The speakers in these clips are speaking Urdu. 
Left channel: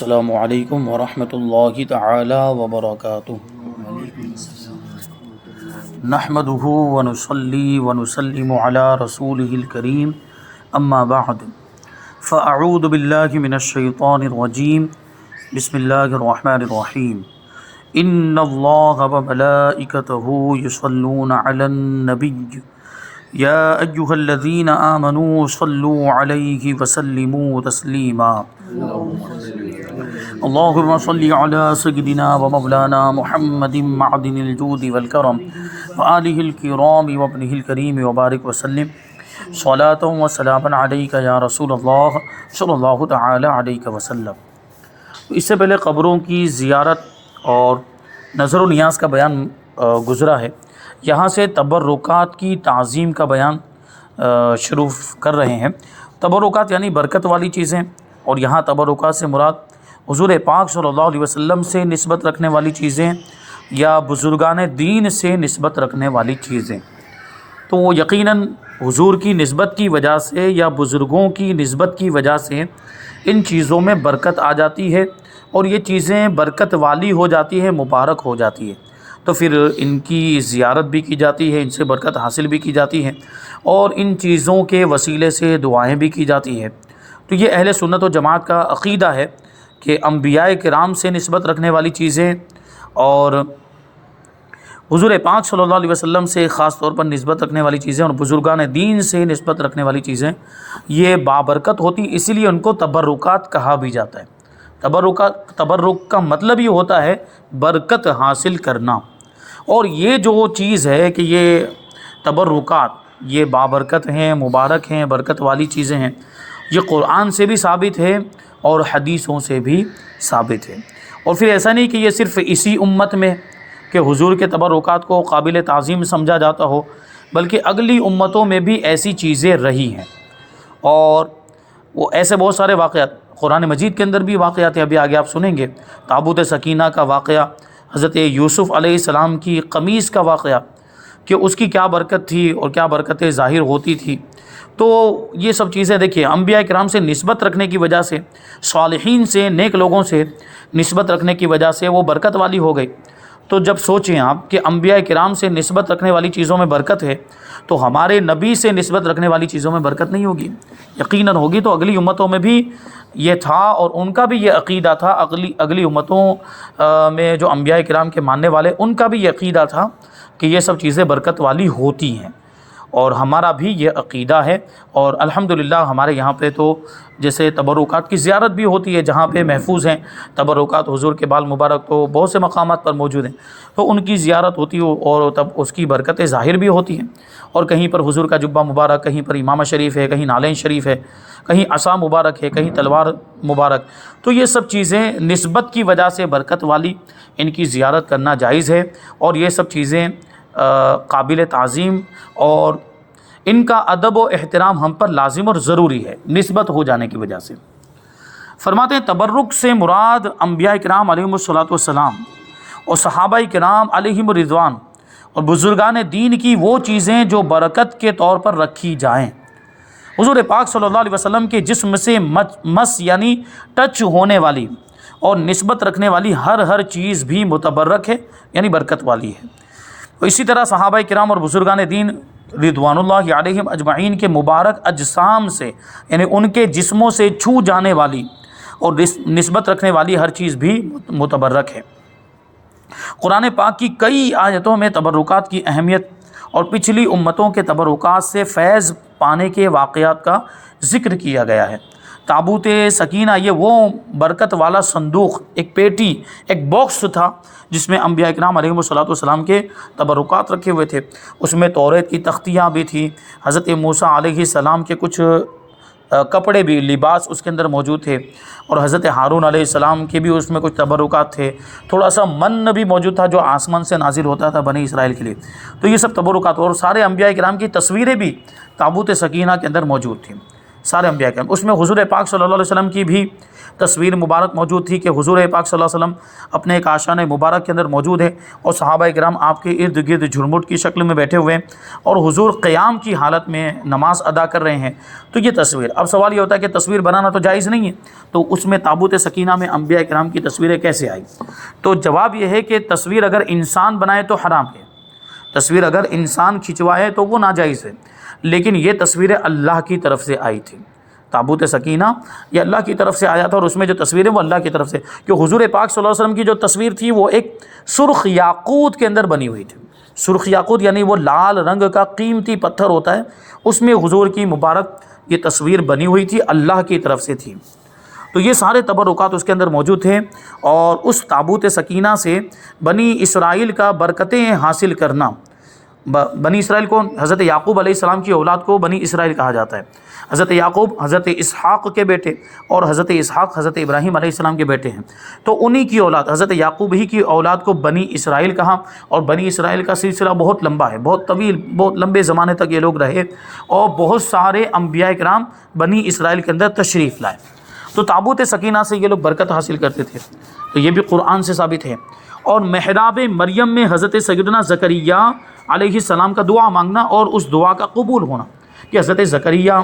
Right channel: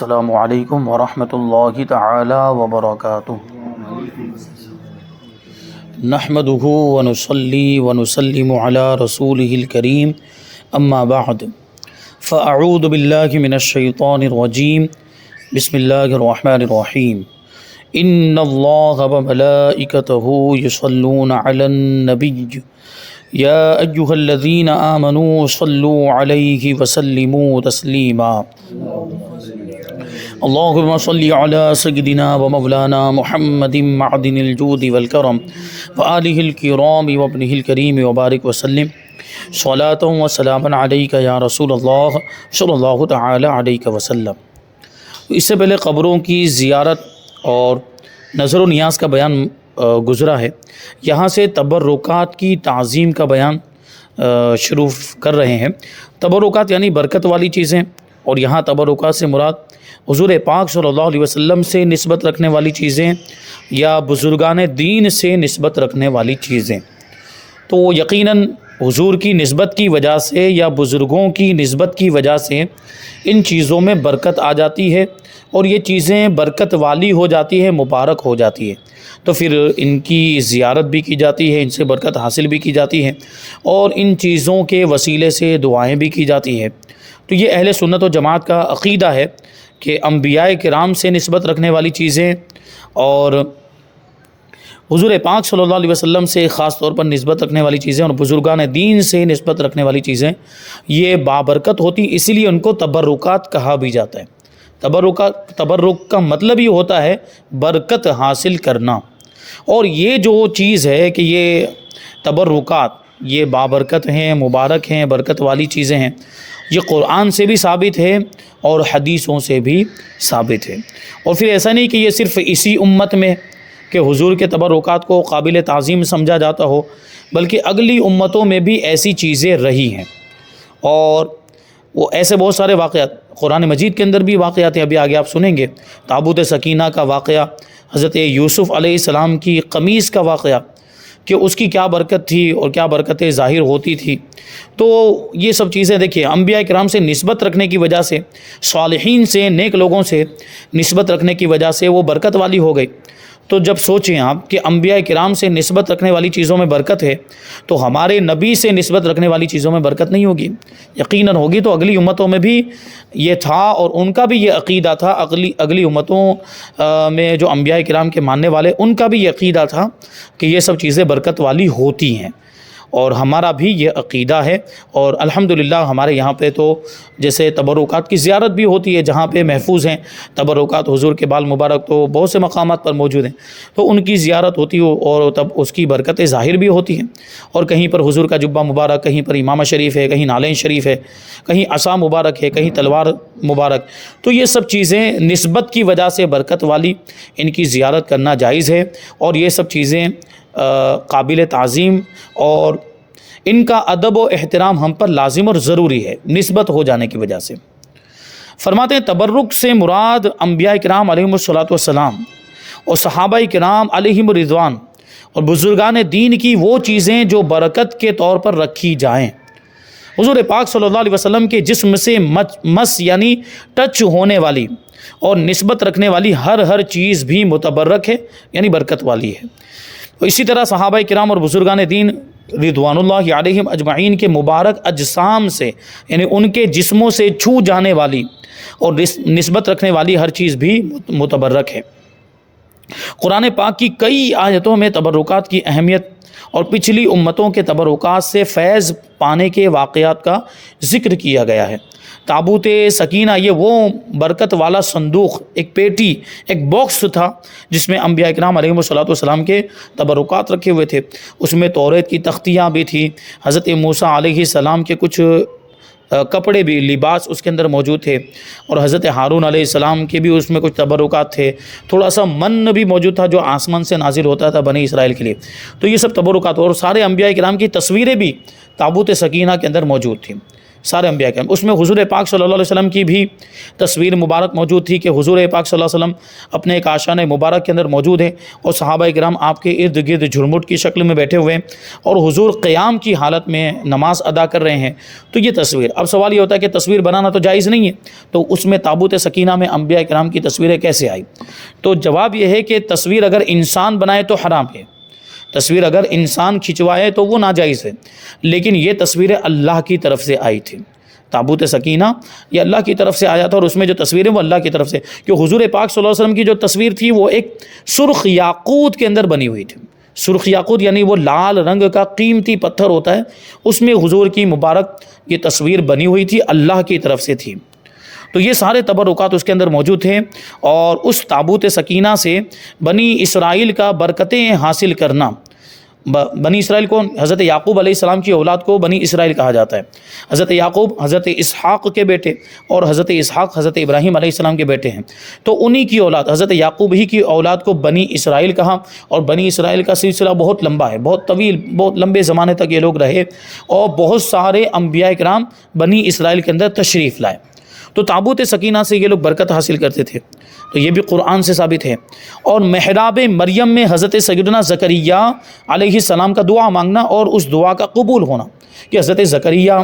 السلام علیکم ورحمۃ اللہ تعالی وبرکاتہ۔ نحمده ونصلی ونسلم علی رسولہ الکریم، اما بعد فاعوذ باللہ من الشیطان الرجیم، بسم اللہ الرحمن الرحیم۔ ان اللہ وملائکتہ یصلون علی النبی یا ایہا الذین آمنوا صلوا علیہ وسلموا تسلیما۔ اللہم صلی علی سیدنا و مولانا محمد معدن الجود والکرم وآلہ الکرام وابنہ الکریم وبارک وسلم صلاۃ و سلاما علیک یا رسول اللہ صلی اللہ تعالی علیہ وسلم۔ اس سے پہلے قبروں کی زیارت اور نظر و نیاز کا بیان گزرا ہے، یہاں سے تبرکات کی تعظیم کا بیان شروع کر رہے ہیں۔ تبرکات یعنی برکت والی چیزیں، اور یہاں تبرکات سے مراد حضور پاک صلی اللہ علیہ وسلم سے نسبت رکھنے والی چیزیں یا بزرگان دین سے نسبت رکھنے والی چیزیں۔ تو یقیناً حضور کی نسبت کی وجہ سے یا بزرگوں کی نسبت کی وجہ سے ان چیزوں میں برکت آ جاتی ہے، اور یہ چیزیں برکت والی ہو جاتی ہے، مبارک ہو جاتی ہے، تو پھر ان کی زیارت بھی کی جاتی ہے، ان سے برکت حاصل بھی کی جاتی ہے، اور ان چیزوں کے وسیلے سے دعائیں بھی کی جاتی ہے۔ تو یہ اہل سنت و جماعت کا عقیدہ ہے کہ انبیاء کرام سے نسبت رکھنے والی چیزیں اور حضور پاک صلی اللہ علیہ وسلم سے خاص طور پر نسبت رکھنے والی چیزیں اور بزرگان دین سے نسبت رکھنے والی چیزیں یہ بابرکت ہوتی، اسی لیے ان کو تبرکات کہا بھی جاتا ہے۔ تبرک کا مطلب ہی ہوتا ہے برکت حاصل کرنا، اور یہ جو چیز ہے کہ یہ تبرکات یہ بابرکت ہیں، مبارک ہیں، برکت والی چیزیں ہیں، یہ قرآن سے بھی ثابت ہے اور حدیثوں سے بھی ثابت ہے۔ اور پھر ایسا نہیں کہ یہ صرف اسی امت میں کہ حضور کے تبرکات کو قابل تعظیم سمجھا جاتا ہو، بلکہ اگلی امتوں میں بھی ایسی چیزیں رہی ہیں، اور وہ ایسے بہت سارے واقعات قرآن مجید کے اندر بھی واقعات ہیں۔ ابھی آگے آپ سنیں گے تابوت سکینہ کا واقعہ، حضرت یوسف علیہ السلام کی قمیص کا واقعہ کہ اس کی کیا برکت تھی اور کیا برکتیں ظاہر ہوتی تھی۔ تو یہ سب چیزیں دیکھیے انبیاء کرام سے نسبت رکھنے کی وجہ سے، صالحین سے، نیک لوگوں سے نسبت رکھنے کی وجہ سے وہ برکت والی ہو گئی۔ تو جب سوچیں آپ کہ انبیاء کرام سے نسبت رکھنے والی چیزوں میں برکت ہے، تو ہمارے نبی سے نسبت رکھنے والی چیزوں میں برکت نہیں ہوگی؟ یقیناً ہوگی۔ تو اگلی امتوں میں بھی یہ تھا، اور ان کا بھی یہ عقیدہ تھا، اگلی امتوں میں جو انبیاء کرام کے ماننے والے ان کا بھی یہ عقیدہ تھا کہ یہ سب چیزیں برکت والی ہوتی ہیں، اور ہمارا بھی یہ عقیدہ ہے۔ اور الحمدللہ ہمارے یہاں پہ تو جیسے تبرکات کی زیارت بھی ہوتی ہے، جہاں پہ محفوظ ہیں تبرکات، حضور کے بال مبارک تو بہت سے مقامات پر موجود ہیں، تو ان کی زیارت ہوتی ہے، اور تب اس کی برکتیں ظاہر بھی ہوتی ہیں۔ اور کہیں پر حضور کا جبہ مبارک، کہیں پر امامہ شریف ہے، کہیں نالین شریف ہے، کہیں عصا مبارک ہے، کہیں تلوار مبارک، تو یہ سب چیزیں نسبت کی وجہ سے برکت والی، ان کی زیارت کرنا جائز ہے، اور یہ سب چیزیں قابل تعظیم، اور ان کا ادب و احترام ہم پر لازم اور ضروری ہے نسبت ہو جانے کی وجہ سے۔ فرماتے ہیں تبرک سے مراد انبیاء کرام علیہم الصلاۃ والسلام اور صحابہ کرام علیہم الرضوان اور بزرگان دین کی وہ چیزیں جو برکت کے طور پر رکھی جائیں۔ حضور پاک صلی اللہ علیہ وسلم کے جسم سے مس یعنی ٹچ ہونے والی اور نسبت رکھنے والی ہر چیز بھی متبرک ہے، یعنی برکت والی ہے۔ اسی طرح صحابہ کرام اور بزرگان دین رضوان اللہ علیہم اجمعین کے مبارک اجسام سے، یعنی ان کے جسموں سے چھو جانے والی اور نسبت رکھنے والی ہر چیز بھی متبرک ہے۔ قرآن پاک کی کئی آیتوں میں تبرکات کی اہمیت اور پچھلی امتوں کے تبرکات سے فیض پانے کے واقعات کا ذکر کیا گیا ہے۔ تابوت سکینہ یہ وہ برکت والا صندوق، ایک پیٹی، ایک باکس تھا جس میں انبیاء کرام علیہم الصلوۃ والسلام کے تبرکات رکھے ہوئے تھے۔ اس میں توریت کی تختیاں بھی تھیں، حضرت موسیٰ علیہ السلام کے کچھ کپڑے بھی، لباس اس کے اندر موجود تھے، اور حضرت ہارون علیہ السلام کے بھی اس میں کچھ تبرکات تھے، تھوڑا سا من بھی موجود تھا جو آسمان سے نازل ہوتا تھا بنی اسرائیل کے لیے۔ تو یہ سب تبرکات، اور سارے انبیاء کرام کی تصویریں بھی تابوت سکینہ کے اندر موجود تھیں۔ سارے انبیاء کرام۔ اس میں حضور پاک صلی اللہ علیہ وسلم کی بھی تصویر مبارک موجود تھی کہ حضور پاک صلی اللہ علیہ وسلم اپنے ایک آشان مبارک کے اندر موجود ہے اور صحابہ کرام آپ کے ارد گرد جھرمٹ کی شکل میں بیٹھے ہوئے ہیں اور حضور قیام کی حالت میں نماز ادا کر رہے ہیں۔ تو یہ تصویر، اب سوال یہ ہوتا ہے کہ تصویر بنانا تو جائز نہیں ہے، تو اس میں تابوت سکینہ میں انبیاء کرام کی تصویریں کیسے آئی؟ تو جواب یہ ہے کہ تصویر اگر انسان بنائے تو حرام ہے، تصویر اگر انسان کھنچوائے تو وہ ناجائز ہے، لیکن یہ تصویریں اللہ کی طرف سے آئی تھی۔ تابوت سکینہ یہ اللہ کی طرف سے آیا تھا اور اس میں جو تصویریں وہ اللہ کی طرف سے، کہ حضور پاک صلی اللہ علیہ وسلم کی جو تصویر تھی وہ ایک سرخ یاقوت کے اندر بنی ہوئی تھی۔ سرخ یاقوت یعنی وہ لال رنگ کا قیمتی پتھر ہوتا ہے، اس میں حضور کی مبارک یہ تصویر بنی ہوئی تھی، اللہ کی طرف سے تھی۔ تو یہ سارے تبرکات اس کے اندر موجود تھے، اور اس تابوت سکینہ سے بنی اسرائیل کا برکتیں حاصل کرنا، بنی اسرائیل کو، حضرت یعقوب علیہ السلام کی اولاد کو بنی اسرائیل کہا جاتا ہے۔ حضرت یعقوب حضرت اسحاق کے بیٹے اور حضرت اسحاق حضرت ابراہیم علیہ السلام کے بیٹے ہیں، تو انہی کی اولاد حضرت یعقوب ہی کی اولاد کو بنی اسرائیل کہا، اور بنی اسرائیل کا سلسلہ بہت لمبا ہے، بہت طویل، بہت لمبے زمانے تک یہ لوگ رہے، اور بہت سارے انبیاء کرام بنی اسرائیل کے اندر تشریف لائے۔ تو تابوت سکینہ سے یہ لوگ برکت حاصل کرتے تھے، تو یہ بھی قرآن سے ثابت ہے۔ اور محراب مریم میں حضرت سیدنا زکریا علیہ السلام کا دعا مانگنا اور اس دعا کا قبول ہونا، کہ حضرت زکریا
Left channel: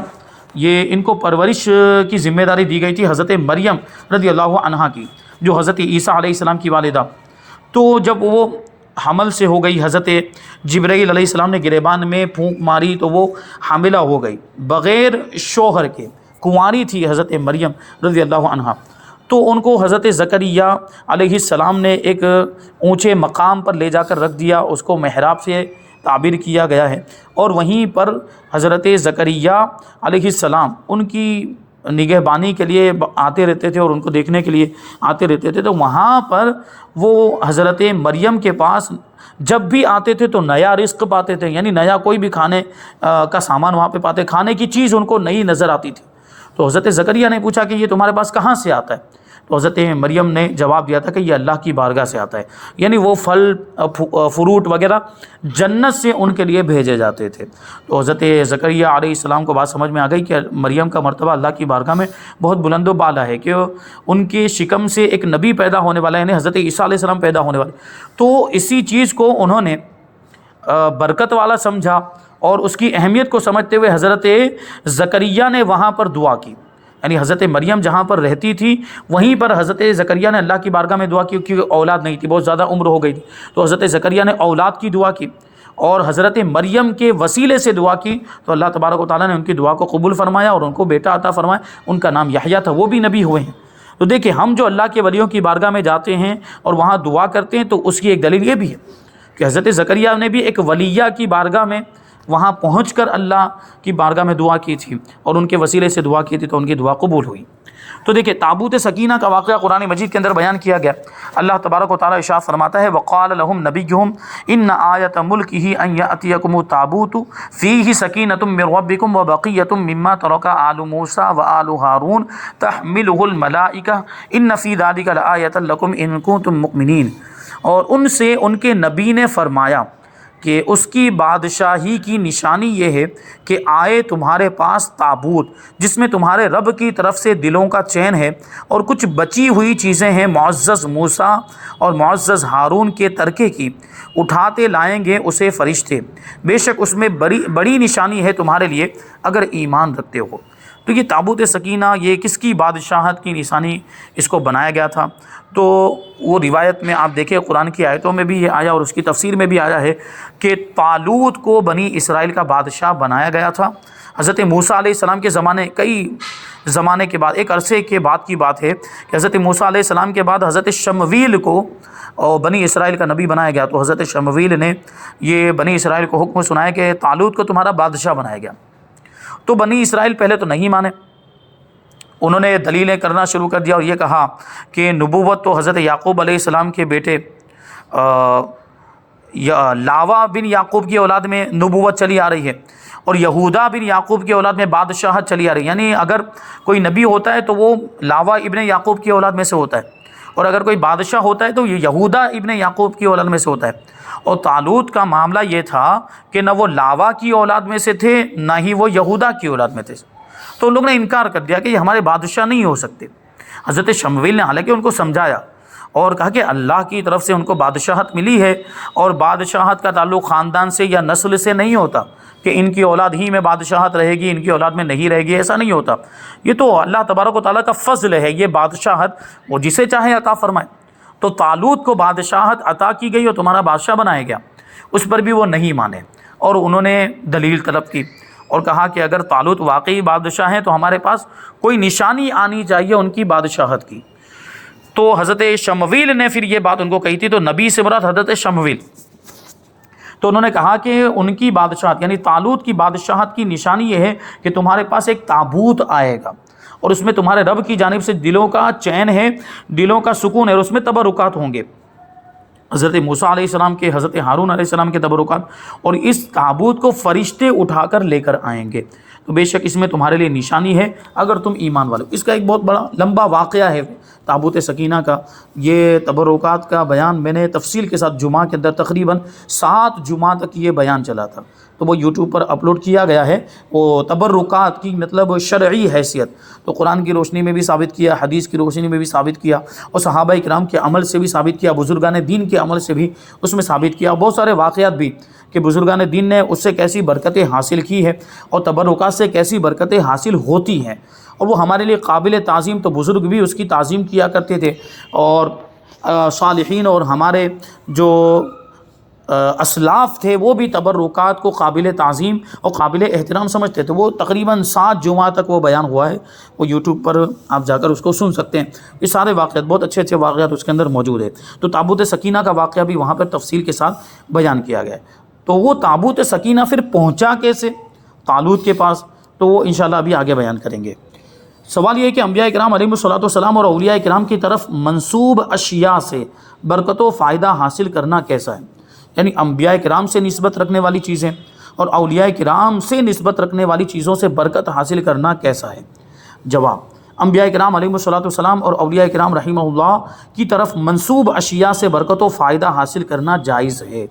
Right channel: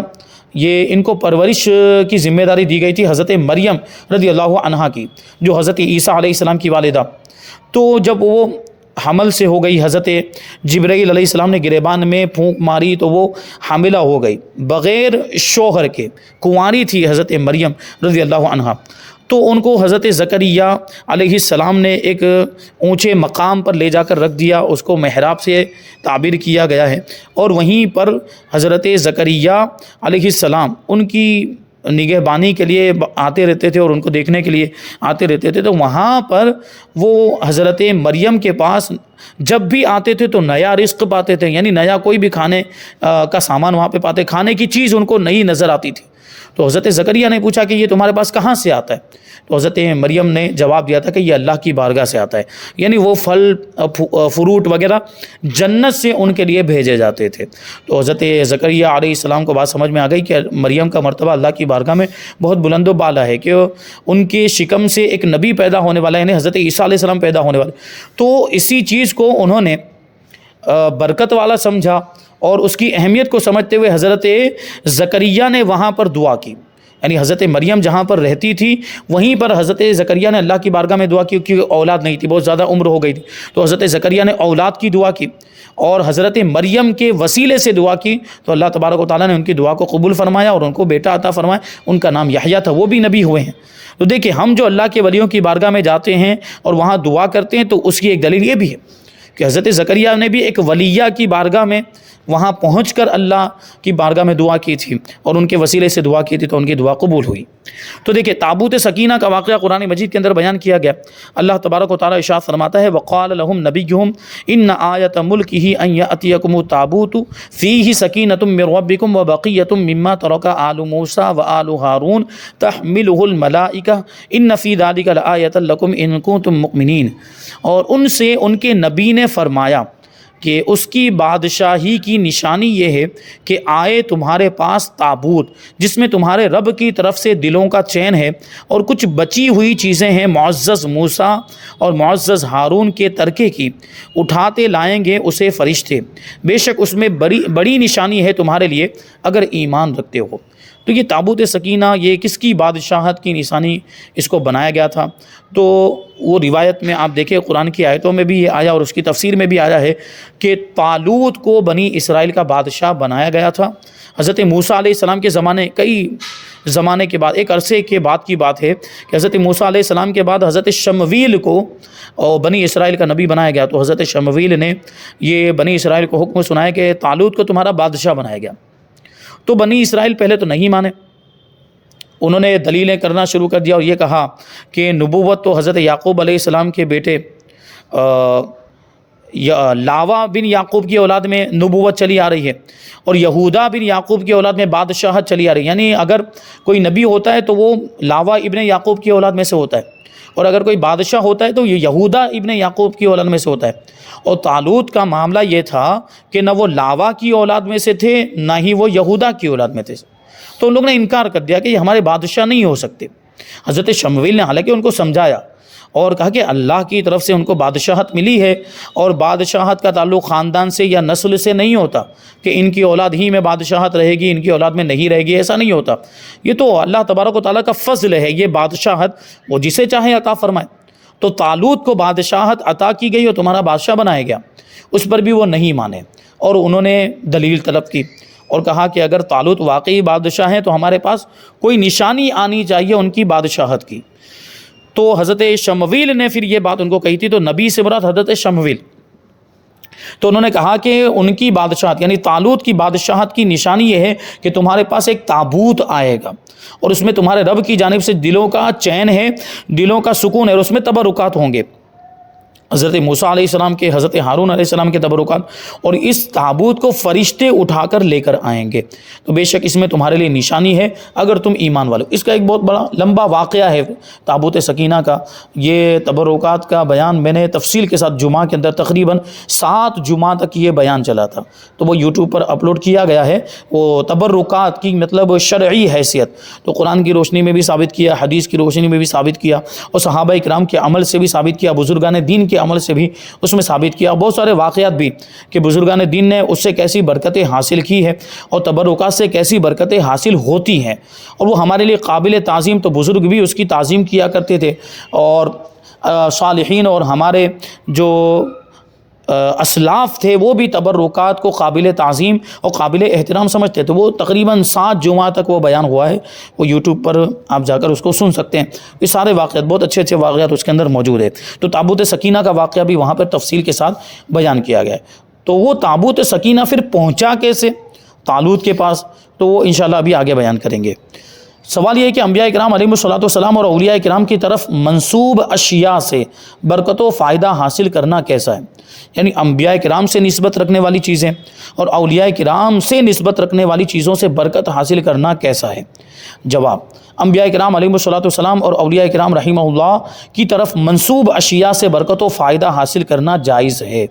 یہ ان کو پرورش کی ذمہ داری دی گئی تھی حضرت مریم رضی اللہ عنہا کی، جو حضرت عیسیٰ علیہ السلام کی والدہ۔ تو جب وہ حمل سے ہو گئی، حضرت جبرائیل علیہ السلام نے گریبان میں پھونک ماری تو وہ حاملہ ہو گئی، بغیر شوہر کے کنواری تھی حضرت مریم رضی اللہ عنہا۔ تو ان کو حضرت زکریا علیہ السلام نے ایک اونچے مقام پر لے جا کر رکھ دیا، اس کو محراب سے تعبیر کیا گیا ہے، اور وہیں پر حضرت زکریا علیہ السلام ان کی نگہبانی کے لیے آتے رہتے تھے اور ان کو دیکھنے کے لیے آتے رہتے تھے۔ تو وہاں پر وہ حضرت مریم کے پاس جب بھی آتے تھے تو نیا رزق پاتے تھے، یعنی نیا کوئی بھی کھانے کا سامان وہاں پہ پاتے، کھانے کی چیز ان کو نئی نظر آتی تھی۔ تو حضرت زکریا نے پوچھا کہ یہ تمہارے پاس کہاں سے آتا ہے؟ تو حضرت مریم نے جواب دیا تھا کہ یہ اللہ کی بارگاہ سے آتا ہے، یعنی وہ پھل فروٹ وغیرہ جنت سے ان کے لیے بھیجے جاتے تھے۔ تو حضرت زکریا علیہ السلام کو بات سمجھ میں آ گئی کہ مریم کا مرتبہ اللہ کی بارگاہ میں بہت بلند و بالا ہے، کہ ان کے شکم سے ایک نبی پیدا ہونے والا ہے، یعنی حضرت عیسیٰ علیہ السلام پیدا ہونے والے۔ تو اسی چیز کو انہوں نے برکت والا سمجھا، اور اس کی اہمیت کو سمجھتے ہوئے حضرت زکریا نے وہاں پر دعا کی، یعنی حضرت مریم جہاں پر رہتی تھی وہیں پر حضرت زکریا نے اللہ کی بارگاہ میں دعا کی، کیونکہ اولاد نہیں تھی، بہت زیادہ عمر ہو گئی تھی۔ تو حضرت زکریا نے اولاد کی دعا کی اور حضرت مریم کے وسیلے سے دعا کی، تو اللہ تبارک و تعالیٰ نے ان کی دعا کو قبول فرمایا اور ان کو بیٹا عطا فرمایا، ان کا نام یحییٰ تھا، وہ بھی نبی ہوئے ہیں۔ تو دیکھیں، ہم جو اللہ کے ولیوں کی بارگاہ میں جاتے ہیں اور وہاں دعا کرتے ہیں، تو اس کی ایک دلیل یہ بھی ہے کہ حضرت زکریا نے بھی ایک ولیہ کی بارگاہ میں وہاں پہنچ کر اللہ کی بارگاہ میں دعا کی تھی اور ان کے وسیلے سے دعا کی تھی، تو ان کی دعا قبول ہوئی۔ تو دیکھیں، تابوت سکینہ کا واقعہ قرآن مجید کے اندر بیان کیا گیا۔ اللہ تبارک و تعالیٰ ارشاد فرماتا ہے، وقال لهم نبیہم ان آیۃ ملکہ ان یأتیکم التابوت فیہ سکینۃ من ربکم وبقیۃ مما ترک آل موسیٰ وآل ہارون تحملہ الملائکہ ان فی ذلک لآیۃ لکم ان کنتم مؤمنین۔ اور ان سے ان کے نبی نے فرمایا کہ اس کی بادشاہی کی نشانی یہ ہے کہ آئے تمہارے پاس تابوت جس میں تمہارے رب کی طرف سے دلوں کا چین ہے، اور کچھ بچی ہوئی چیزیں ہیں معزز موسیٰ اور معزز ہارون کے ترکے کی، اٹھاتے لائیں گے اسے فرشتے، بے شک اس میں بڑی نشانی ہے تمہارے لیے اگر ایمان رکھتے ہو۔ تو یہ تابوت سکینہ یہ کس کی بادشاہت کی نشانی اس کو بنایا گیا تھا؟ تو وہ روایت میں آپ دیکھیں، قرآن کی آیتوں میں بھی یہ آیا اور اس کی تفسیر میں بھی آیا ہے کہ طالوت کو بنی اسرائیل کا بادشاہ بنایا گیا تھا۔ حضرت موسیٰ علیہ السلام کے زمانے، کئی زمانے کے بعد، ایک عرصے کے بعد کی بات ہے کہ حضرت موسیٰ علیہ السلام کے بعد حضرت شمویل کو بنی اسرائیل کا نبی بنایا گیا۔ تو حضرت شمویل نے یہ بنی اسرائیل کو حکم سنایا کہ طالوت کو تمہارا بادشاہ بنایا گیا۔ تو بنی اسرائیل پہلے تو نہیں مانے، انہوں نے دلیلیں کرنا شروع کر دیا اور یہ کہا کہ نبوت تو حضرت یعقوب علیہ السلام کے بیٹے لاوا بن یعقوب کی اولاد میں نبوت چلی آ رہی ہے، اور یہودا بن یعقوب کی اولاد میں بادشاہت چلی آ رہی ہے، یعنی اگر کوئی نبی ہوتا ہے تو وہ لاوا ابن یعقوب کی اولاد میں سے ہوتا ہے، اور اگر کوئی بادشاہ ہوتا ہے تو یہ یہودا ابن یعقوب کی اولاد میں سے ہوتا ہے۔ اور طالوت کا معاملہ یہ تھا کہ نہ وہ لاوا کی اولاد میں سے تھے نہ ہی وہ یہودا کی اولاد میں تھے، تو ان لوگوں نے انکار کر دیا کہ یہ ہمارے بادشاہ نہیں ہو سکتے۔ حضرت شمویل نے حالانکہ ان کو سمجھایا اور کہا کہ اللہ کی طرف سے ان کو بادشاہت ملی ہے، اور بادشاہت کا تعلق خاندان سے یا نسل سے نہیں ہوتا کہ ان کی اولاد ہی میں بادشاہت رہے گی، ان کی اولاد میں نہیں رہے گی، ایسا نہیں ہوتا۔ یہ تو اللہ تبارک و تعالیٰ کا فضل ہے، یہ بادشاہت وہ جسے چاہے عطا فرمائے۔ تو طالوت کو بادشاہت عطا کی گئی اور تمہارا بادشاہ بنایا گیا، اس پر بھی وہ نہیں مانے، اور انہوں نے دلیل طلب کی اور کہا کہ اگر طالوت واقعی بادشاہ ہیں تو ہمارے پاس کوئی نشانی آنی چاہیے ان کی بادشاہت کی۔ تو حضرت شمویل نے پھر یہ بات ان کو کہی تھی، تو نبی سے مراد حضرت شمویل، تو انہوں نے کہا کہ ان کی بادشاہت یعنی طالوت کی بادشاہت کی نشانی یہ ہے کہ تمہارے پاس ایک تابوت آئے گا، اور اس میں تمہارے رب کی جانب سے دلوں کا چین ہے، دلوں کا سکون ہے، اور اس میں تبرکات ہوں گے، حضرت موسیٰ علیہ السلام کے، حضرت ہارون علیہ السلام کے تبرکات، اور اس تابوت کو فرشتے اٹھا کر لے کر آئیں گے، تو بے شک اس میں تمہارے لیے نشانی ہے اگر تم ایمان والو۔ اس کا ایک بہت بڑا لمبا واقعہ ہے تابوت سکینہ کا، یہ تبرکات کا بیان میں نے تفصیل کے ساتھ جمعہ کے اندر تقریباً 7 جمعہ تک یہ بیان چلا تھا، تو وہ یوٹیوب پر اپلوڈ کیا گیا ہے۔ وہ تبرکات کی مطلب شرعی حیثیت تو قرآن کی روشنی میں بھی ثابت کیا، حدیث کی روشنی میں بھی ثابت کیا، اور صحابہ کرام کے عمل سے بھی ثابت کیا، بزرگان دین کے عمل سے بھی اس میں ثابت کیا، بہت سارے واقعات بھی کہ بزرگان دین نے اس سے کیسی برکتیں حاصل کی ہے اور تبرکات سے کیسی برکتیں حاصل ہوتی ہیں، اور وہ ہمارے لیے قابل تعظیم، تو بزرگ بھی اس کی تعظیم کیا کرتے تھے، اور صالحین اور ہمارے جو اسلاف تھے وہ بھی تبرکات کو قابل تعظیم اور قابل احترام سمجھتے تھے۔ وہ تقریباً 7 جمعہ تک وہ بیان ہوا ہے، وہ یوٹیوب پر آپ جا کر اس کو سن سکتے ہیں، یہ سارے واقعات بہت اچھے اچھے واقعات اس کے اندر موجود ہے۔ تو تابوت سکینہ کا واقعہ بھی وہاں پر تفصیل کے ساتھ بیان کیا گیا ہے۔ تو وہ تابوت سکینہ پھر پہنچا کیسے طالوت کے پاس، تو وہ انشاءاللہ ابھی آگے بیان کریں گے۔ سوال یہ ہے کہ انبیاء کرام علیہم الصلوۃ والسلام اور اولیاء کرام کی طرف منسوب اشیاء سے برکت و فائدہ حاصل کرنا کیسا ہے؟ یعنی انبیاء کرام سے نسبت رکھنے والی چیزیں اور اولیاء کرام سے نسبت رکھنے والی چیزوں سے برکت حاصل کرنا کیسا ہے؟ جواب، انبیاء کرام علیہم الصلوۃ والسلام اور اولیاء کرام رحمہ اللہ کی طرف منسوب اشیاء سے برکت و فائدہ حاصل کرنا جائز ہے،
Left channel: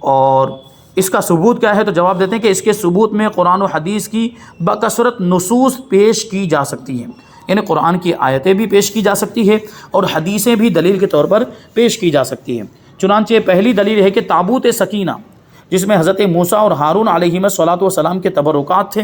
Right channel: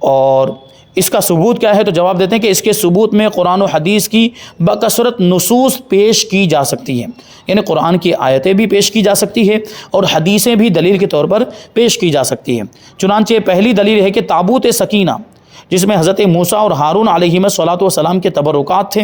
اور اس کا ثبوت کیا ہے؟ تو جواب دیتے ہیں کہ اس کے ثبوت میں قرآن و حدیث کی بکثرت نصوص پیش کی جا سکتی ہیں، یعنی قرآن کی آیتیں بھی پیش کی جا سکتی ہے اور حدیثیں بھی دلیل کے طور پر پیش کی جا سکتی ہیں۔ چنانچہ پہلی دلیل ہے کہ تابوت سکینہ جس میں حضرت موسیٰ اور ہارون علیہم السلام کے تبرکات تھے،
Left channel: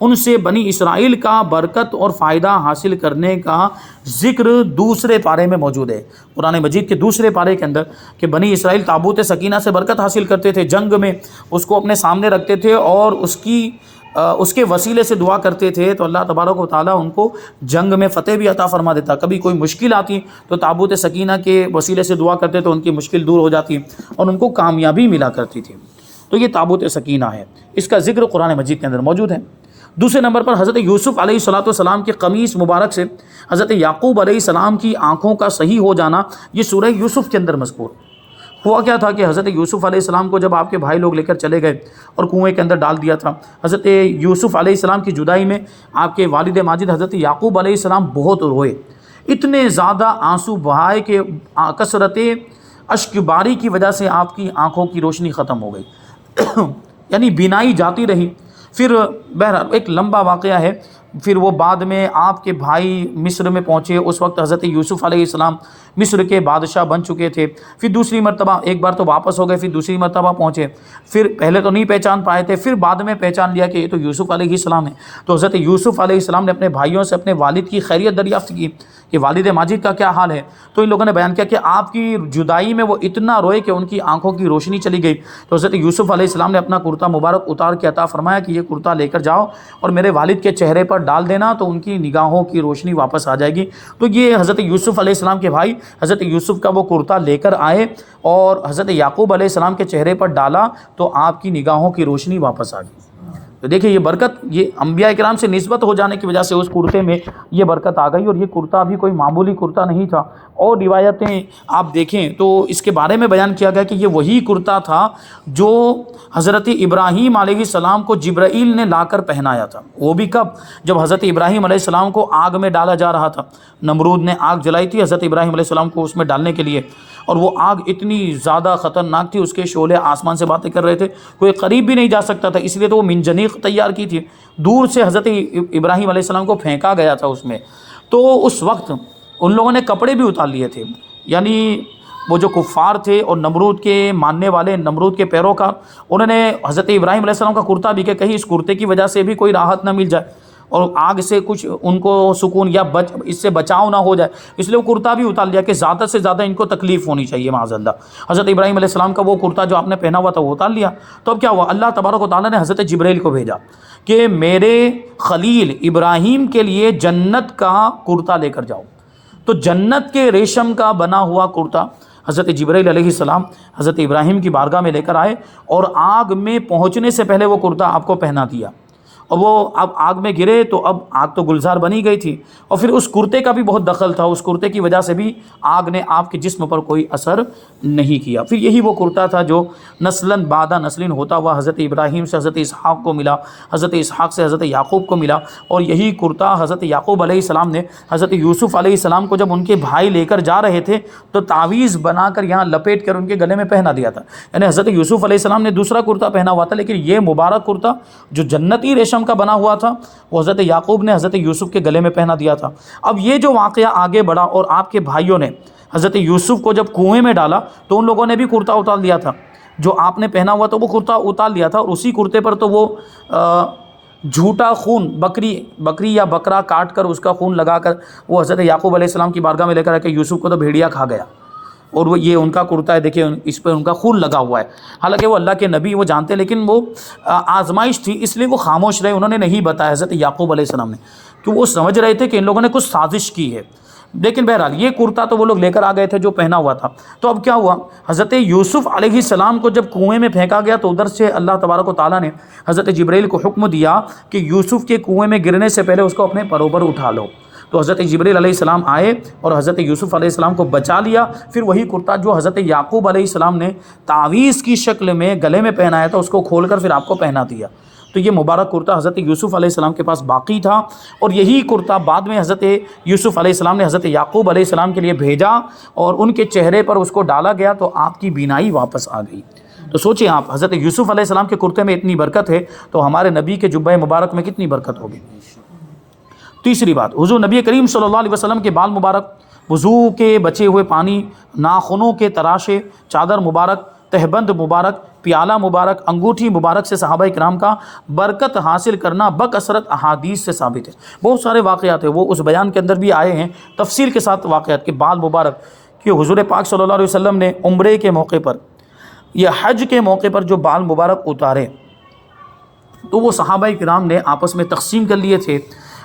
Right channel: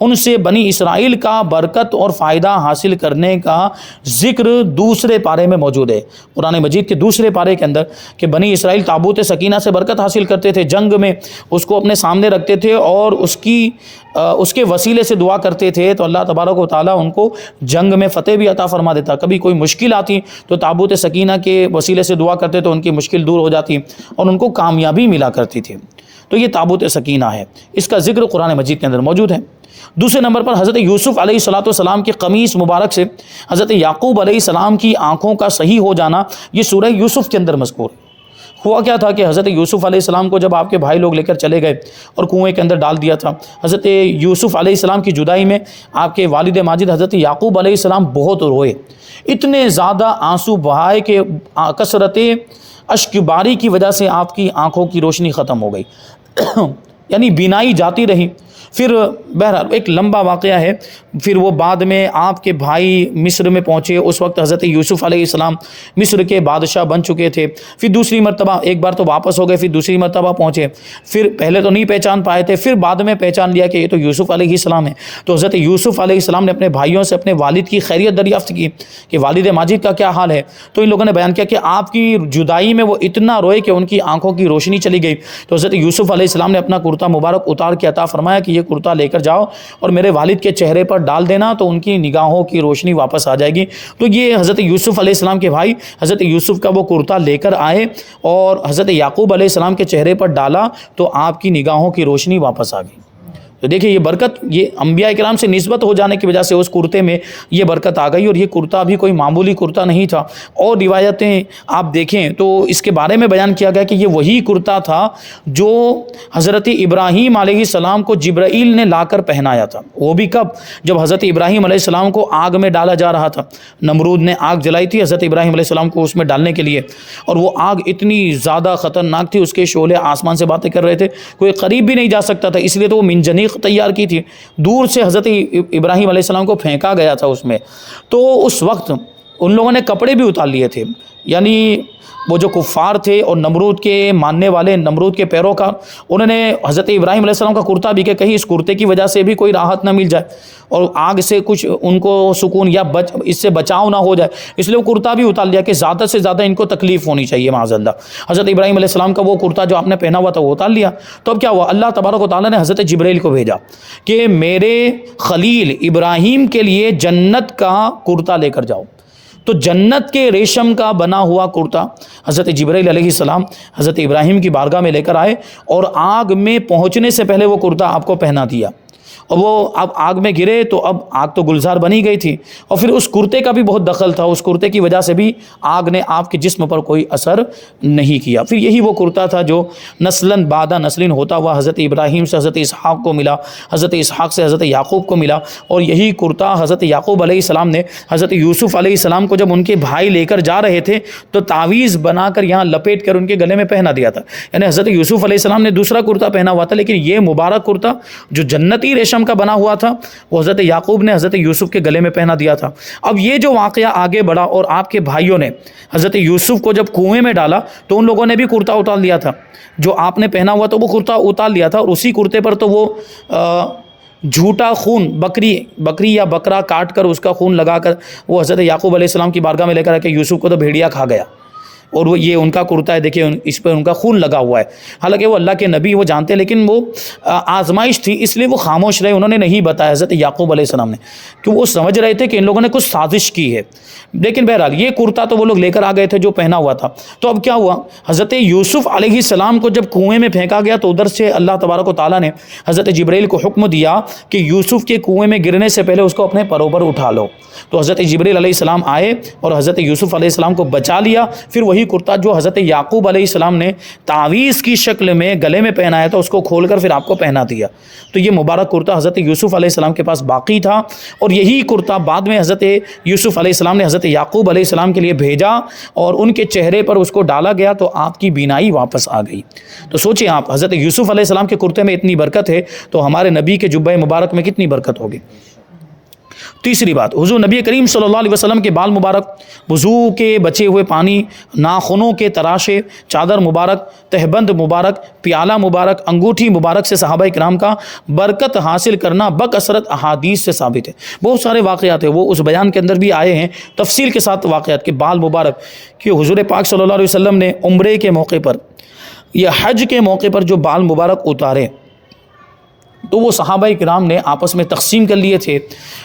ان سے بنی اسرائیل کا برکت اور فائدہ حاصل کرنے کا ذکر دوسرے پارے میں موجود ہے، قرآن مجید کے دوسرے پارے کے اندر، کہ بنی اسرائیل تابوت سکینہ سے برکت حاصل کرتے تھے، جنگ میں اس کو اپنے سامنے رکھتے تھے اور اس کے وسیلے سے دعا کرتے تھے، تو اللہ تبارک و تعالیٰ ان کو جنگ میں فتح بھی عطا فرما دیتا۔ کبھی کوئی مشکل آتی تو تابوت سکینہ کے وسیلے سے دعا کرتے تو ان کی مشکل دور ہو جاتی اور ان کو کامیابی ملا کرتی تھی۔ تو یہ تابوت سکینہ ہے، اس کا ذکر قرآن مجید کے اندر موجود ہے۔ دوسرے نمبر پر حضرت یوسف علیہ السلام کی قمیص مبارک سے حضرت یعقوب علیہ السلام کی آنکھوں کا صحیح ہو جانا، یہ سورہ یوسف کے اندر مذکور۔ ہوا کیا تھا کہ حضرت یوسف علیہ السلام کو جب آپ کے بھائی لوگ لے کر چلے گئے اور کنویں کے اندر ڈال دیا تھا، حضرت یوسف علیہ السلام کی جدائی میں آپ کے والد ماجد حضرت یعقوب علیہ السلام بہت روئے، اتنے زیادہ آنسو بہائے کہ کثرت اشک باری کی وجہ سے آپ کی آنکھوں کی روشنی ختم ہو گئی، یعنی بینائی جاتی رہی۔ پھر بہرحال ایک لمبا واقعہ ہے، پھر وہ بعد میں آپ کے بھائی مصر میں پہنچے، اس وقت حضرت یوسف علیہ السلام مصر کے بادشاہ بن چکے تھے، پھر دوسری مرتبہ ایک بار تو واپس ہو گئے، پھر دوسری مرتبہ پہنچے، پھر پہلے تو نہیں پہچان پائے تھے، پھر بعد میں پہچان لیا کہ یہ تو یوسف علیہ السلام ہے۔ تو حضرت یوسف علیہ السلام نے اپنے بھائیوں سے اپنے والد کی خیریت دریافت کی کہ والد ماجد کا کیا حال ہے، تو ان لوگوں نے بیان کیا کہ آپ کی جدائی میں وہ اتنا روئے کہ ان کی آنکھوں کی روشنی چلی گئی۔ تو حضرت یوسف علیہ السلام نے اپنا کرتا مبارک اتار کے عطا فرمایا کہ یہ کرتا لے کر جاؤ اور میرے والد کے چہرے پر ڈال دینا تو ان کی نگاہوں کی روشنی واپس آ جائے گی۔ تو یہ حضرت یوسف علیہ السلام کے بھائی حضرت یوسف کا وہ کرتا لے کر آئے اور حضرت یعقوب علیہ السلام کے چہرے پر ڈالا تو آپ کی نگاہوں کی روشنی واپس آ گئی۔ تو دیکھیں یہ برکت، یہ انبیاء کرام سے نسبت ہو جانے کی وجہ سے اس کرتے میں یہ برکت آ گئی، اور یہ کرتا بھی کوئی معمولی کرتا نہیں تھا۔ اور روایتیں آپ دیکھیں تو اس کے بارے میں بیان کیا گیا کہ یہ وہی کرتا تھا جو حضرت ابراہیم علیہ السلام کو جبرائیل نے لا کر پہنایا تھا۔ وہ بھی کب؟ جب حضرت ابراہیم علیہ السلام کو آگ میں ڈالا جا رہا تھا، نمرود نے آگ جلائی تھی حضرت ابراہیم علیہ السلام کو اس میں ڈالنے کے لیے، اور وہ آگ اتنی زیادہ خطرناک تھی، اس کے شعلے آسمان سے باتیں کر رہے تھے، کوئی قریب بھی نہیں جا سکتا تھا، اس لیے تو وہ منجنیق تیار کی تھی، دور سے حضرت ابراہیم علیہ السلام کو پھینکا گیا تھا اس میں، تو اس وقت ان لوگوں نے کپڑے بھی اتار لیے تھے، یعنی وہ جو کفار تھے اور نمرود کے ماننے والے، نمرود کے پیروکار، انہوں نے حضرت ابراہیم علیہ السلام کا کرتا بھی کہ کہیں اس کرتے کی وجہ سے بھی کوئی راحت نہ مل جائے اور آگ سے کچھ ان کو سکون یا اس سے بچاؤ نہ ہو جائے، اس لیے وہ کرتا بھی اتار لیا کہ زیادہ سے زیادہ ان کو تکلیف ہونی چاہیے معاذ اللہ۔ حضرت ابراہیم علیہ السلام کا وہ کرتا جو آپ نے پہنا ہوا تھا وہ اتار لیا، تو اب کیا ہوا، اللہ تبارک و تعالیٰ نے حضرت جبرائیل کو بھیجا کہ میرے خلیل ابراہیم کے لیے جنت کا کرتا لے کر جاؤ۔ تو جنت کے ریشم کا بنا ہوا کرتا حضرت جبرائیل علیہ السلام حضرت ابراہیم کی بارگاہ میں لے کر آئے اور آگ میں پہنچنے سے پہلے وہ کرتا آپ کو پہنا دیا، اور وہ اب آگ میں گرے تو اب آگ تو گلزار بنی گئی تھی، اور پھر اس کرتے کا بھی بہت دخل تھا، اس کرتے کی وجہ سے بھی آگ نے آپ کے جسم پر کوئی اثر نہیں کیا۔ پھر یہی وہ کرتا تھا جو نسلاً بعد نسلین ہوتا ہوا حضرت ابراہیم سے حضرت اسحاق کو ملا، حضرت اسحاق سے حضرت یعقوب کو ملا، اور یہی کرتا حضرت یعقوب علیہ السلام نے حضرت یوسف علیہ السلام کو جب ان کے بھائی لے کر جا رہے تھے تو تعویذ بنا کر یہاں لپیٹ کر ان کے گلے میں پہنا دیا تھا، یعنی حضرت یوسف علیہ السلام نے دوسرا کرتا پہنا ہوا تھا، لیکن یہ مبارک کرتا جو جنتی ریشم کا بنا ہوا تھا وہ حضرت یعقوب نے حضرت یوسف کے گلے میں پہنا دیا تھا۔ اب یہ جو واقعہ آگے بڑھا اور آپ کے بھائیوں نے حضرت یوسف کو جب کنویں میں ڈالا تو ان لوگوں نے بھی کرتا اتار لیا تھا، جو آپ نے پہنا ہوا تو وہ کرتا اتار لیا تھا، اور اسی کرتے پر تو وہ جھوٹا خون بکری یا بکرا کاٹ کر اس کا خون لگا کر وہ حضرت یعقوب علیہ السلام کی بارگاہ میں لے کر آ کے یوسف کو تو بھیڑیا کھا گیا، اور وہ یہ ان کا کرتا ہے، دیکھیں اس پہ ان کا خون لگا ہوا ہے، حالانکہ وہ اللہ کے نبی وہ جانتے، لیکن وہ آزمائش تھی اس لیے وہ خاموش رہے، انہوں نے نہیں بتایا حضرت یعقوب علیہ السلام نے، کہ وہ سمجھ رہے تھے کہ ان لوگوں نے کچھ سازش کی ہے۔ لیکن بہرحال یہ کرتا تو وہ لوگ لے کر آ گئے تھے جو پہنا ہوا تھا۔ تو اب کیا ہوا، حضرت یوسف علیہ السلام کو جب کنویں میں پھینکا گیا تو ادھر سے اللہ تبارک و تعالیٰ نے حضرت جبرائیل کو حکم دیا کہ یوسف کے کنویں میں گرنے سے پہلے اس کو اپنے پروں پر اٹھا لو۔ تو حضرت جبرائیل علیہ السلام آئے اور حضرت یوسف علیہ السلام کو بچا لیا۔ پھر وہی کرتا جو حضرت یعقوب علیہ السلام نے تعویذ کی شکل میں گلے میں پہنایا تھا اس کو کھول کر پھر آپ کو پہنا دیا۔ تو یہ مبارک کرتا حضرت یوسف علیہ السلام کے پاس باقی تھا، اور یہی کرتا بعد میں حضرت یوسف علیہ السلام نے حضرت یعقوب علیہ السلام کے لیے بھیجا اور ان کے چہرے پر اس کو ڈالا گیا تو آپ کی بینائی واپس آ گئی۔ تو سوچیں آپ، حضرت یوسف علیہ السلام کے کرتے میں اتنی برکت ہے تو ہمارے نبی کے جبہ مبارک میں کتنی برکت ہوگی۔ تیسری بات، حضور نبی کریم صلی اللہ علیہ وسلم کے بال مبارک، وضو کے بچے ہوئے پانی، ناخنوں کے تراشے، چادر مبارک، تہبند مبارک، پیالہ مبارک، انگوٹھی مبارک سے صحابہ کرام کا برکت حاصل کرنا بکثرت احادیث سے ثابت ہے۔ بہت سارے واقعات ہیں، وہ اس بیان کے اندر بھی آئے ہیں تفصیل کے ساتھ واقعات، کہ بال مبارک کہ حضور پاک صلی اللہ علیہ وسلم نے عمرے کے موقع پر یا حج کے موقع پر جو بال مبارک اتارے تو وہ صحابہ کرام نے آپس میں تقسیم کر لیے تھے۔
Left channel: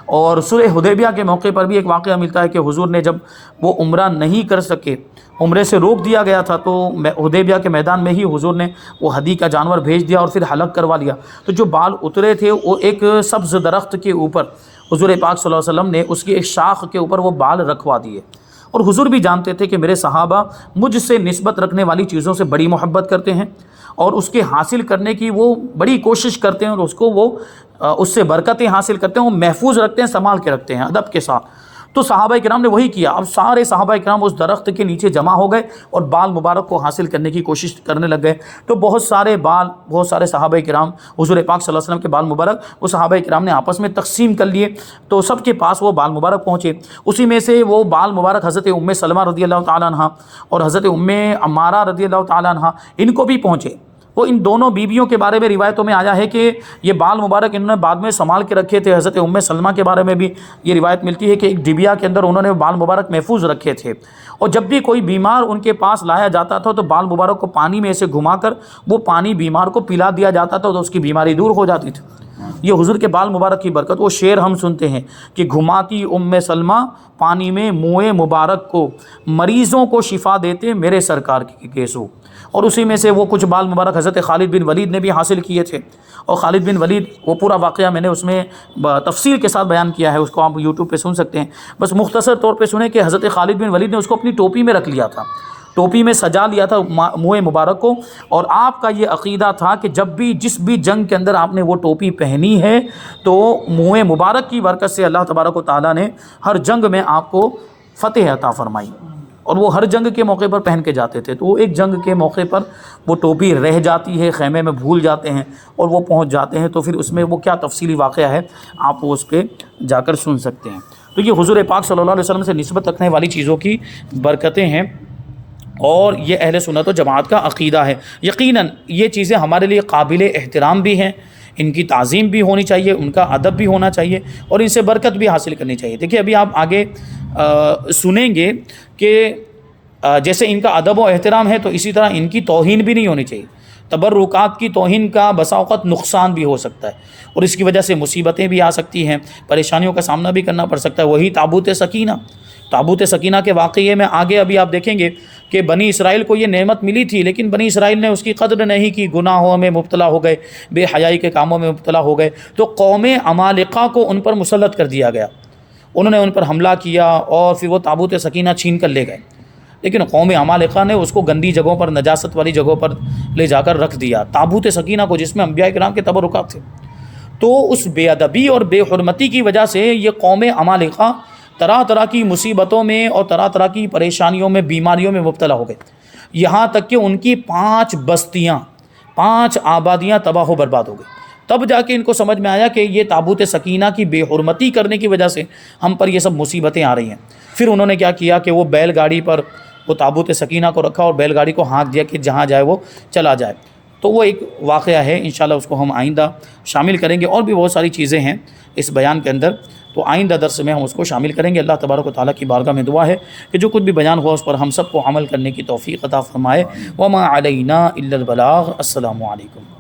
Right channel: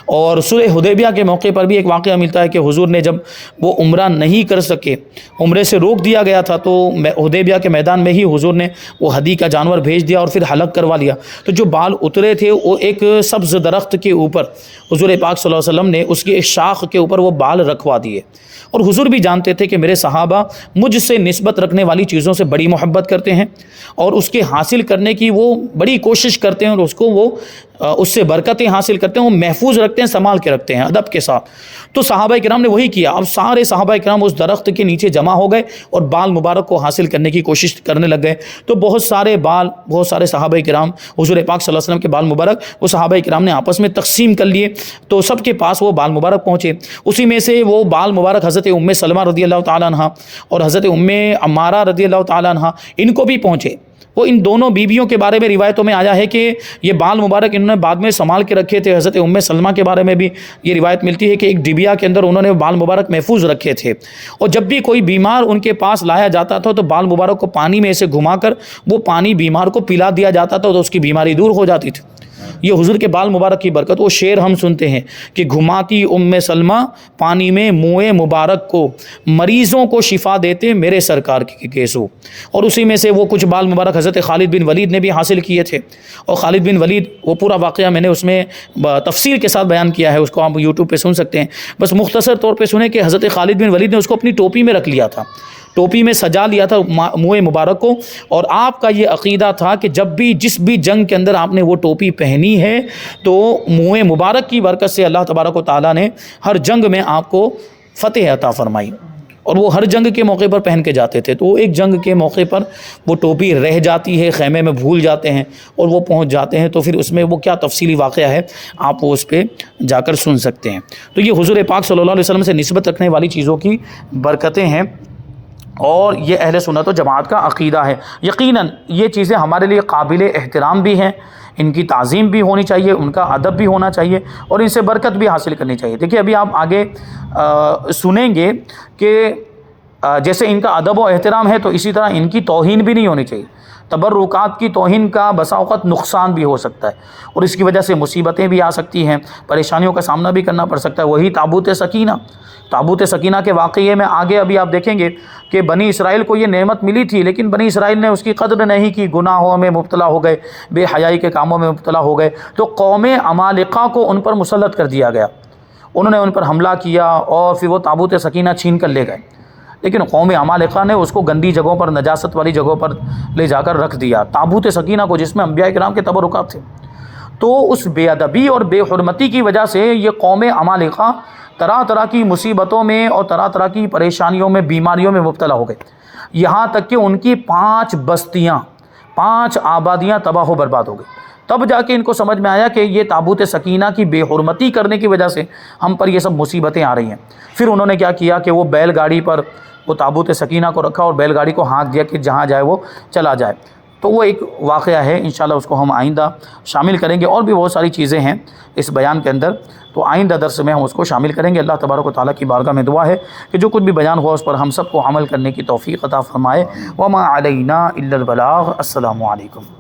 اور صلح حدیبیہ کے موقع پر بھی ایک واقعہ ملتا ہے کہ حضور نے جب وہ عمرہ نہیں کر سکے، عمرے سے روک دیا گیا تھا، تو حدیبیہ کے میدان میں ہی حضور نے وہ ہدی کا جانور بھیج دیا اور پھر حلق کروا لیا۔ تو جو بال اترے تھے وہ ایک سبز درخت کے اوپر حضور پاک صلی اللہ علیہ وسلم نے اس کی ایک شاخ کے اوپر وہ بال رکھوا دیے، اور حضور بھی جانتے تھے کہ میرے صحابہ مجھ سے نسبت رکھنے والی چیزوں سے بڑی محبت کرتے ہیں اور اس کے حاصل کرنے کی وہ بڑی کوشش کرتے ہیں، اور اس کو وہ اس سے برکتیں حاصل کرتے ہیں، وہ محفوظ رکھتے ہیں، سنبھال کے رکھتے ہیں ادب کے ساتھ۔ تو صحابہ کرام نے وہی کیا، اب سارے صحابہ کرام اس درخت کے نیچے جمع ہو گئے اور بال مبارک کو حاصل کرنے کی کوشش کرنے لگ گئے۔ تو بہت سارے صحابہ کرام حضور پاک صلی اللہ علیہ وسلم کے بال مبارک وہ صحابہ کرام نے آپس میں تقسیم کر لیے، تو سب کے پاس وہ بال مبارک پہنچے۔ اسی میں سے وہ بال مبارک حضرت ام سلمہ رضی اللہ تعالیٰ عنہ اور حضرت ام عمارہ رضی اللہ تعالیٰ عنہ ان کو بھی پہنچے۔ وہ ان دونوں بیویوں کے بارے میں روایتوں میں آیا ہے کہ یہ بال مبارک انہوں نے بعد میں سنبھال کے رکھے تھے۔ حضرت ام سلمہ کے بارے میں بھی یہ روایت ملتی ہے کہ ایک ڈبیا کے اندر انہوں نے بال مبارک محفوظ رکھے تھے، اور جب بھی کوئی بیمار ان کے پاس لایا جاتا تھا تو بال مبارک کو پانی میں ایسے گھما کر وہ پانی بیمار کو پلا دیا جاتا تھا تو اس کی بیماری دور ہو جاتی تھی۔ یہ حضور کے بال مبارک کی برکت، وہ شعر ہم سنتے ہیں کہ گھماتی ام سلمہ پانی میں منہ مبارک کو، مریضوں کو شفا دیتے میرے سرکار کے کیسو۔ اور اسی میں سے وہ کچھ بال مبارک حضرت خالد بن ولید نے بھی حاصل کیے تھے، اور خالد بن ولید وہ پورا واقعہ میں نے اس میں تفصیل کے ساتھ بیان کیا ہے، اس کو آپ یوٹیوب پہ سن سکتے ہیں۔ بس مختصر طور پہ سنیں کہ حضرت خالد بن ولید نے اس کو اپنی ٹوپی میں رکھ لیا تھا، ٹوپی میں سجا لیا تھا منہ مبارک کو، اور آپ کا یہ عقیدہ تھا کہ جب بھی جس بھی جنگ کے اندر آپ نے وہ ٹوپی پہنی ہے تو منہ مبارک کی برکت سے اللہ تبارک و تعالیٰ نے ہر جنگ میں آپ کو فتح عطا فرمائی۔ اور وہ ہر جنگ کے موقع پر پہن کے جاتے تھے. تو وہ ایک جنگ کے موقع پر وہ ٹوپی رہ جاتی ہے, خیمے میں بھول جاتے ہیں اور وہ پہنچ جاتے ہیں, تو پھر اس میں وہ کیا تفصیلی واقعہ ہے آپ وہ اس پہ جا کر سن سکتے ہیں. تو یہ حضور پاک صلی اللہ علیہ وسلم سے نسبت رکھنے والی چیزوں کی برکتیں ہیں, اور یہ اہل سنت و جماعت کا عقیدہ ہے. یقیناً یہ چیزیں ہمارے لیے قابل احترام بھی ہیں, ان کی تعظیم بھی ہونی چاہیے, ان کا ادب بھی ہونا چاہیے, اور ان سے برکت بھی حاصل کرنی چاہیے. دیکھیے ابھی آپ آگے سنیں گے کہ جیسے ان کا ادب و احترام ہے تو اسی طرح ان کی توہین بھی نہیں ہونی چاہیے. تبرکات کی توہین کا بسا اوقات نقصان بھی ہو سکتا ہے, اور اس کی وجہ سے مصیبتیں بھی آ سکتی ہیں, پریشانیوں کا سامنا بھی کرنا پڑ سکتا ہے. وہی تابوت سکینہ کے واقعے میں آگے ابھی آپ دیکھیں گے کہ بنی اسرائیل کو یہ نعمت ملی تھی, لیکن بنی اسرائیل نے اس کی قدر نہیں کی, گناہوں میں مبتلا ہو گئے, بے حیائی کے کاموں میں مبتلا ہو گئے. تو قوم عمالقہ کو ان پر مسلط کر دیا گیا, انہوں نے ان پر حملہ کیا اور پھر وہ تابوت سکینہ چھین کر لے گئے. لیکن قوم عمالقہ نے اس کو گندی جگہوں پر, نجاست والی جگہوں پر لے جا کر رکھ دیا, تابوت سکینہ کو جس میں انبیاء کرام کے تبرکات تھے. تو اس بے ادبی اور بے حرمتی کی وجہ سے یہ قوم عمالقہ طرح طرح کی مصیبتوں میں اور طرح طرح کی پریشانیوں میں, بیماریوں میں مبتلا ہو گئے, یہاں تک کہ ان کی 5 بستیاں, 5 آبادیاں تباہ و برباد ہو گئی. تب جا کے ان کو سمجھ میں آیا کہ یہ تابوت سکینہ کی بے حرمتی کرنے کی وجہ سے ہم پر یہ سب مصیبتیں آ رہی ہیں. پھر انہوں نے کیا کیا کہ وہ بیل گاڑی پر وہ تابوت سکینہ کو رکھا اور بیل گاڑی کو ہانک دیا کہ جہاں جائے وہ چلا جائے. تو وہ ایک واقعہ ہے, انشاءاللہ اس کو ہم آئندہ شامل کریں گے. اور بھی بہت ساری چیزیں ہیں اس بیان کے اندر, تو آئندہ درس میں ہم اس کو شامل کریں گے. اللہ تبارک و تعالیٰ کی بارگاہ میں دعا ہے کہ جو کچھ بھی بیان ہوا اس پر ہم سب کو عمل کرنے کی توفیق عطا فرمائے. وما علینا الا البلاغ. السلام علیکم.